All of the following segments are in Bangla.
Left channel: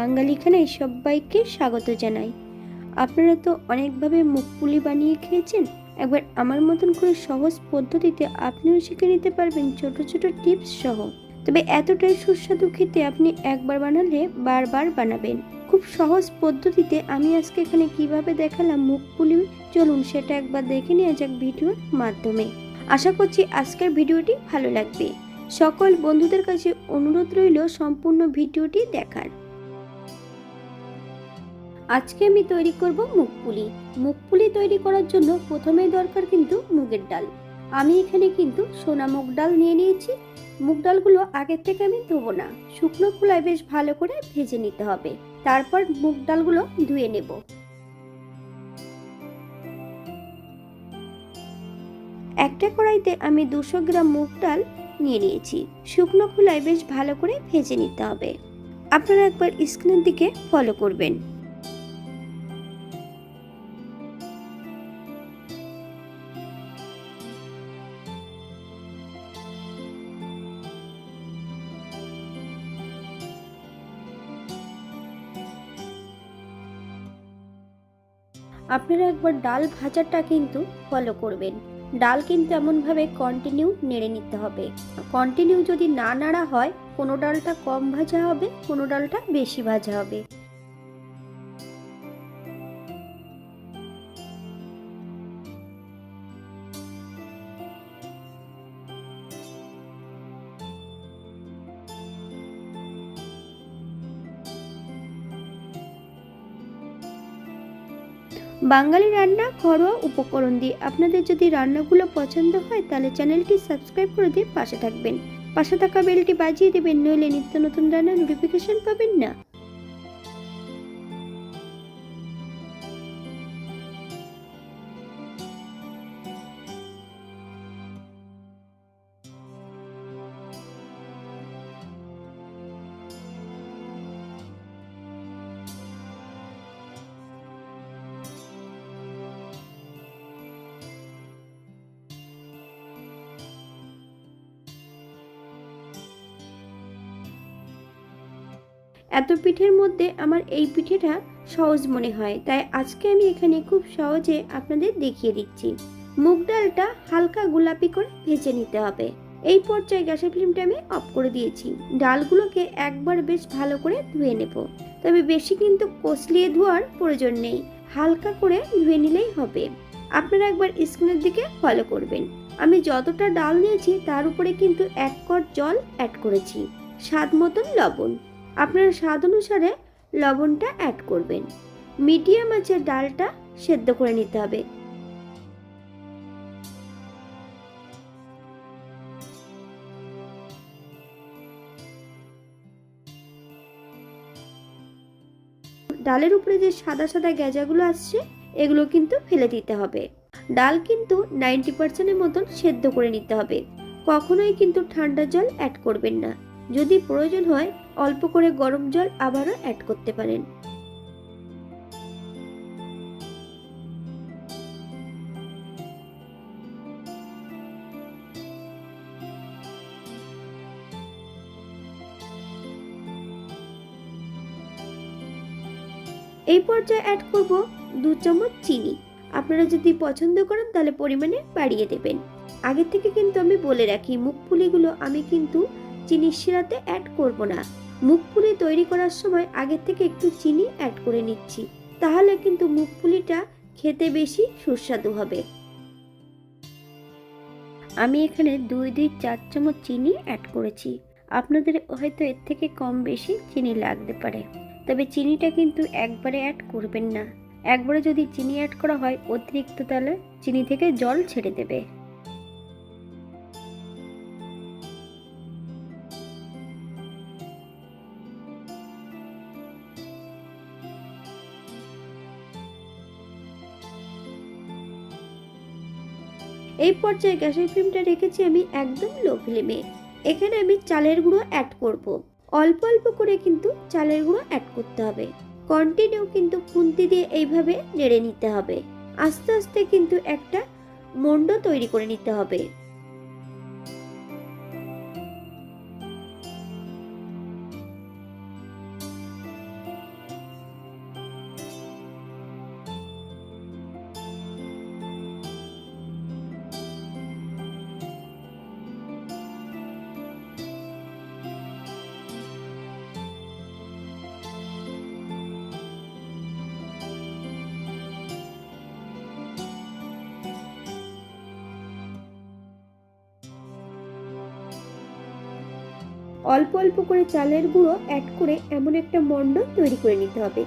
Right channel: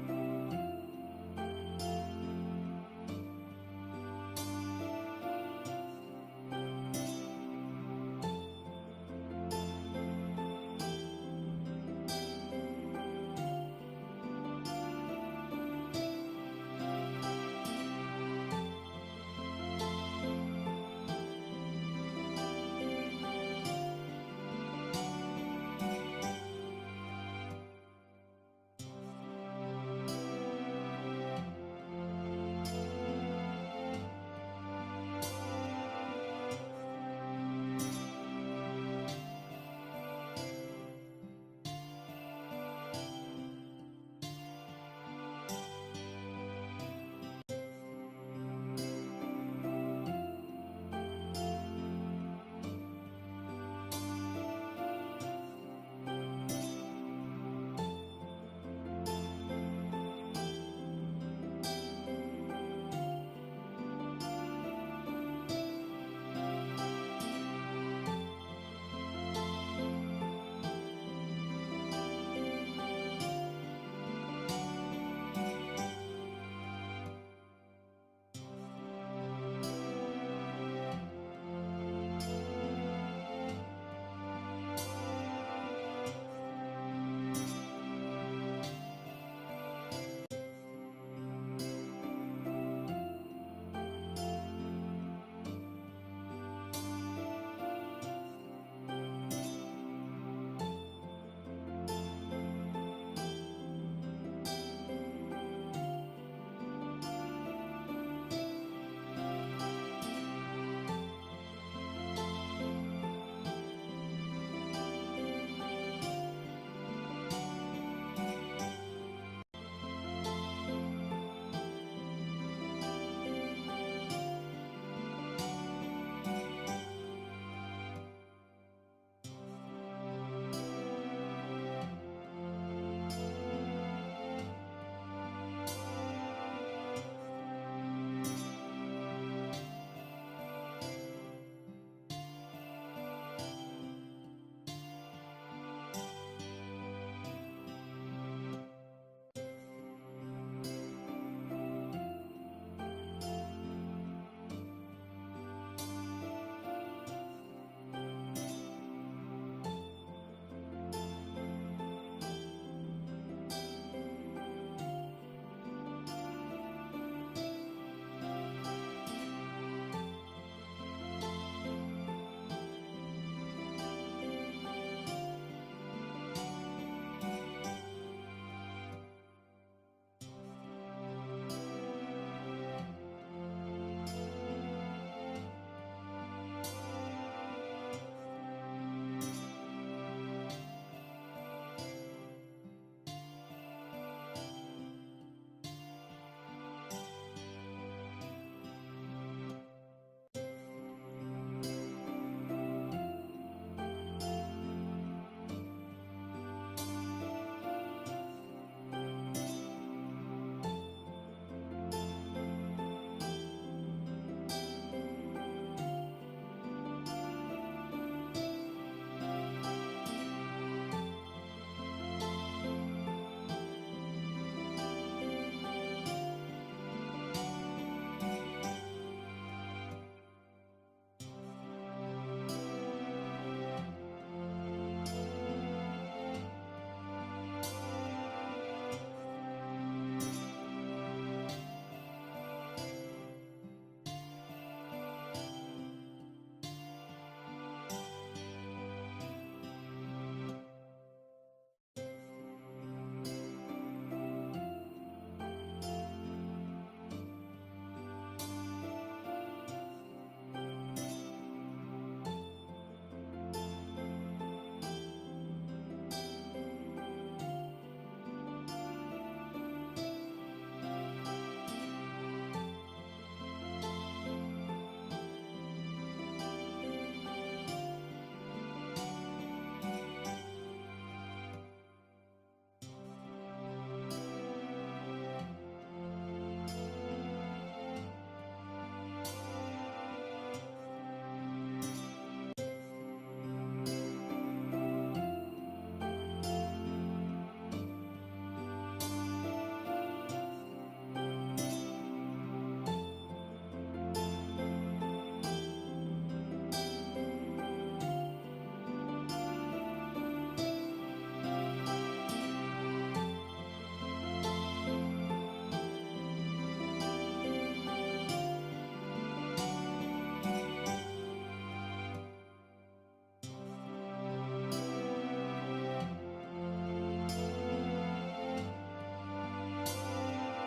বাঙালি খানায় সবাইকে স্বাগত জানাই। আপনারা তো অনেকভাবে মুগ পুলি বানিয়ে খেয়েছেন। একবার আমার মতন করে সহজ পদ্ধতিতে আপনিও শিখে নিতে পারবেন ছোট ছোট টিপস সহ। তবে এতটাই সুস্বাদু খেতে আপনি একবার বানালে বারবার বানাবেন। খুব সহজ পদ্ধতিতে আমি আজকে এখানে কিভাবে দেখালাম মুগ পুলি, চলুন সেটা একবার দেখে নেওয়া যাক ভিডিওর মাধ্যমে। আশা করছি আজকের ভিডিওটি ভালো লাগবে। সকল বন্ধুদের কাছে অনুরোধ রইল সম্পূর্ণ ভিডিওটি দেখার। আজকে আমি তৈরি করব মুগ পুলি। মুগ পুলি তৈরি করার জন্য প্রথমেই দরকার কিন্তু মুগের ডাল। আমি এখানে কিন্তু সোনা মুগ ডাল নিয়ে নিয়েছি। মুগ ডালগুলো আগে থেকে আমি ধোবো না, শুকনো খোলায় বেশ ভালো করে ভেজে নিতে হবে। তারপর মুগ ডালগুলো ধুয়ে নেব। একটা কড়াইতে আমি 200 গ্রাম মুগ ডাল নিয়ে নিয়েছি। শুকনো খোলায় বেশ ভালো করে ভেজে নিতে হবে। আপনারা একবার স্ক্রিনের দিকে ফলো করবেন। আপনারা একবার ডাল ভাজাটা কিন্তু ফলো করবেন। ডাল কিন্তু এমনভাবে কন্টিনিউ নেড়ে নিতে হবে। কন্টিনিউ যদি না নাড়া হয়, কোনো ডালটা কম ভাজা হবে, কোনো ডালটা বেশি ভাজা হবে। বাঙালি রান্না ঘরোয়া উপকরণ দিয়ে আপনাদের যদি রান্নাগুলো পছন্দ হয় তাহলে চ্যানেলটি সাবস্ক্রাইব করে দিয়ে পাশে থাকবেন। পাশে থাকা বেলটি বাজিয়ে দেবেন, নইলে নিত্য নতুন রান্নার নোটিফিকেশন পাবেন না। এত পিঠের মধ্যে আমার এই পিঠেটা সহজ মনে হয়, তাই আজকে আমি এখানে খুব সহজে আপনাদের দেখিয়ে দিচ্ছি। মুগ ডালটা হালকা গোলাপি করে ভেজে নিতে হবে। এই পর্যায়ে গ্যাসের ফ্লেমটা আমি অফ করে দিয়েছি। ডালগুলোকে একবার বেশ ভালো করে ধুয়ে নেব। তবে বেশি কিন্তু কষলিয়ে ধোয়ার প্রয়োজন নেই, হালকা করে ধুয়ে নিলেই হবে। আপনারা একবার স্ক্রিনের দিকে ফলো করবেন। আমি যতটা ডাল নিয়েছি তার উপরে কিন্তু 1 কড় জল অ্যাড করেছি। স্বাদ মতন লবণ, আপনারা স্বাদ অনুসারে লবণটা অ্যাড করবেন। মিডিয়াম আঁচে ডালটা সেদ্ধ করে নিতে হবে। ডালের উপরে যে সাদা সাদা গেজাগুলো আসছে, এগুলো কিন্তু ফেলে দিতে হবে। ডাল কিন্তু 90% মতন সেদ্ধ করে নিতে হবে। কখনোই কিন্তু ঠান্ডা জল অ্যাড করবেন না। যদি প্রয়োজন হয় অল্প করে গরম জল আবারও অ্যাড করতে পারেন। এই পর্যায়ে অ্যাড করব 2 চামচ চিনি। আপনারা যদি পছন্দ করেন তাহলে পরিমাণে বাড়িয়ে দেবেন। আগে থেকে কিন্তু আমি বলে রাখি, মুগ পুলিগুলো আমি কিন্তু চিনির শিরাতে অ্যাড করব না। মুগ পুলি তৈরি করার সময় আগে থেকে একটু চিনি অ্যাড করে নিচ্ছি, তাহলে কিন্তু মুগ পুলিটা খেতে বেশি সুস্বাদু হবে। আমি এখানে 2-4 চামচ চিনি অ্যাড করেছি। আপনাদের হয়তো এর থেকে কম বেশি চিনি লাগতে পারে, তবে চিনিটা কিন্তু একবারে অ্যাড করবেন না। একবারে যদি চিনি অ্যাড করা হয় অতিরিক্ত, তাহলে চিনি থেকে জল ছেড়ে দেবে। এই পর্যায়ে গ্যাসের ফ্লেমটা রেখেছি আমি একদম লো ফ্লেমে। এখানে আমি চালের গুঁড়ো অ্যাড করব। অল্প অল্প করে কিন্তু চালের গুঁড়ো অ্যাড করতে হবে। কন্টিনিউ কিন্তু খুন্তি দিয়ে এইভাবে নেড়ে নিতে হবে। আস্তে আস্তে কিন্তু একটা মন্ড তৈরি করে নিতে হবে। অল্প অল্প করে চালের গুঁড়ো অ্যাড করে এমন একটা মণ্ড তৈরি করে নিতে হবে।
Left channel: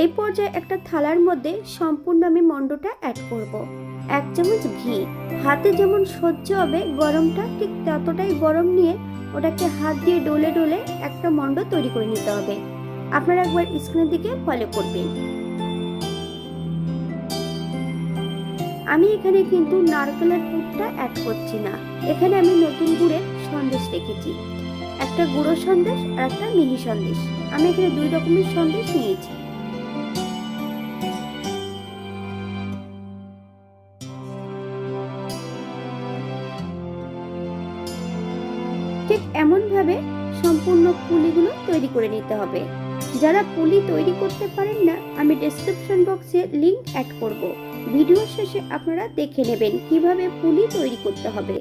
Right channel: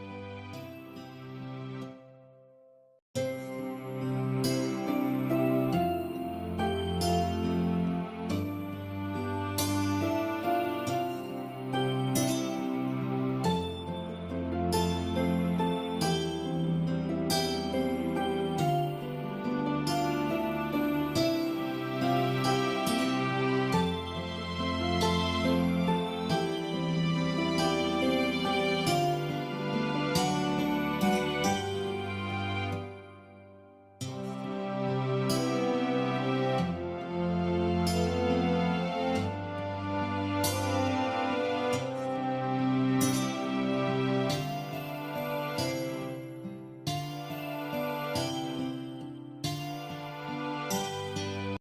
এই পর্যায়ে একটা থালার মধ্যে সম্পূর্ণ আমি মণ্ডটা অ্যাড করব। 1 চামচ ঘি, হাতে যেমন সহ্য হবে গরমটা ঠিক ততটাই গরম নিয়ে ওটাকে হাত দিয়ে ডলে ডলে একটা মণ্ড তৈরি করে নিতে হবে। আপনারা একবার স্ক্রিনের দিকে ফলো করবেন। আমি এখানে কিন্তু নারকেলের পুরটা অ্যাড করছি না, এখানে আমি নতুন গুড়ের সন্দেশ রেখেছি, একটা গুঁড়ো সন্দেশ আর একটা মিহি সন্দেশ। আমি এখানে 2 রকমের সন্দেশ নিয়েছি। ঠিক এমন ভাবে সম্পূর্ণ পুলিগুলো তৈরি করে নিতে হবে। যারা পুলি তৈরি করতে পারেন না, আমি ডেসক্রিপশন বক্সে লিংক অ্যাড করব, ভিডিও শেষে আপনারা দেখে নেবেন কিভাবে পুলি তৈরি করতে হবে।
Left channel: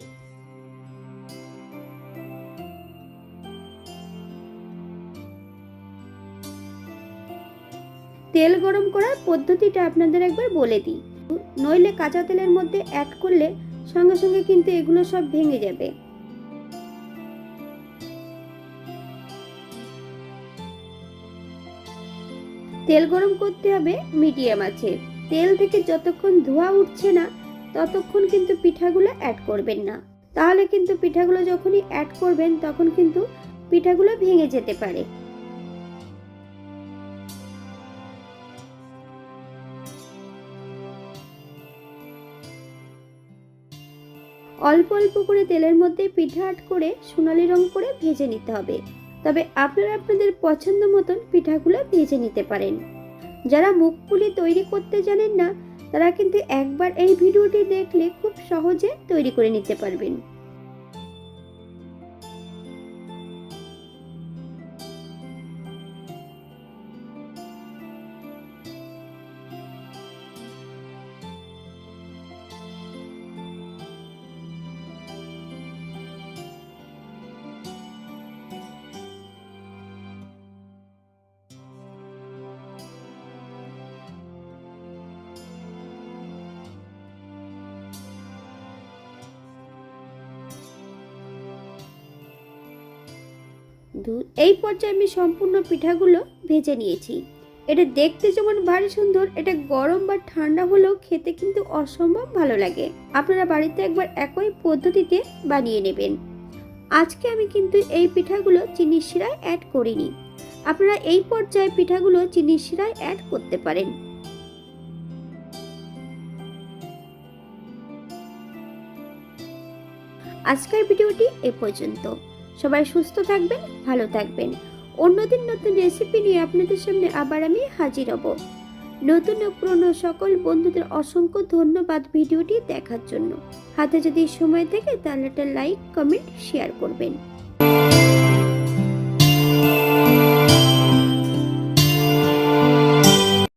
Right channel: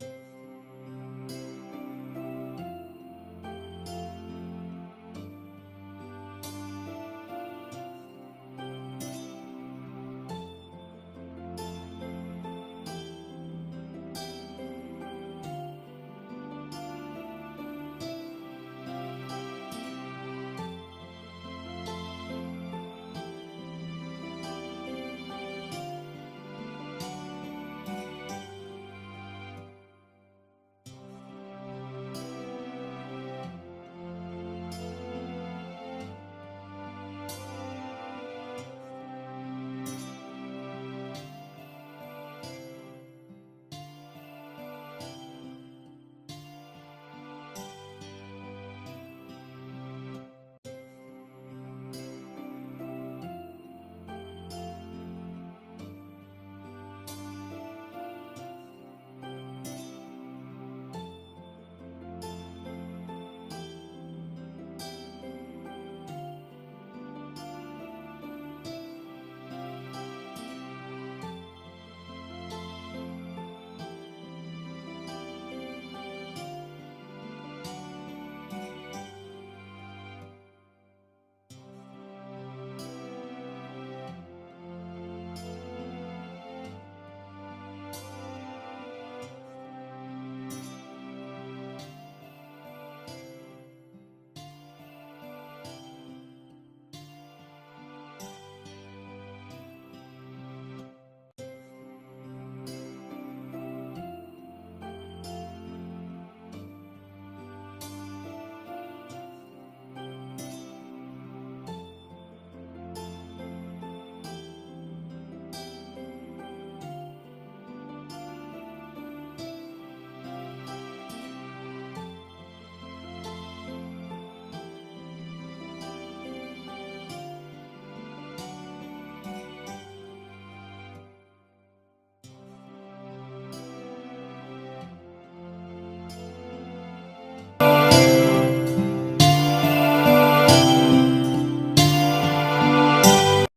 তেল গরম করার পদ্ধতিটা আপনাদের একবার বলে দিই, নইলে কাঁচা তেলের মধ্যে অ্যাড করলে সঙ্গে সঙ্গে কিন্তু এগুলো সব ভেঙে যাবে। তেল গরম করতে হবে মিডিয়াম আছে। তেল থেকে যতক্ষণ ধোঁয়া উঠছে না ততক্ষণ কিন্তু পিঠাগুলো অ্যাড করবেন না, তাহলে কিন্তু পিঠাগুলো যখনই অ্যাড করবেন তখন কিন্তু পিঠাগুলো ভেঙে যেতে পারে। অল্প অল্প করে তেলের মধ্যে পিঠা অ্যাড করে সোনালী রং করে ভেজে নিতে হবে। তবে আপনারা আপনাদের পছন্দ মতন পিঠাগুলো ভেজে নিতে পারেন। যারা মুগ পুলি তৈরি করতে জানেন না তারা কিন্তু একবার এই ভিডিওটি দেখলে খুব সহজে তৈরি করে নিতে পারবেন। এই পর্যায়ে আমি সম্পূর্ণ পিঠাগুলো ভেজে নিয়েছি। এটা দেখতে যেমন ভারী সুন্দর, এটা গরম বা ঠান্ডা হলেও খেতে কিন্তু অসম্ভব ভালো লাগে। আপনারা বাড়িতে একবার একই পদ্ধতিতে বানিয়ে নেবেন। আজকে আমি কিন্তু এই পিঠাগুলো চিনির শিরায় অ্যাড করিনি, আপনারা এই পর্যায়ে পিঠাগুলো চিনির শিরায় অ্যাড করতে পারেন। আজকের ভিডিওটি এ পর্যন্ত। সবাই সুস্থ থাকবেন, ভালো থাকবেন। অন্যদিন নতুন রেসিপি নিয়ে আপনাদের সামনে আবার আমি হাজির হব। নতুন ও পুরনো সকল বন্ধুদের অসংখ্য ধন্যবাদ ভিডিওটি দেখার জন্য। হাতে যদি সময় থাকে তাহলে একটা লাইক, কমেন্ট, শেয়ার করবেন।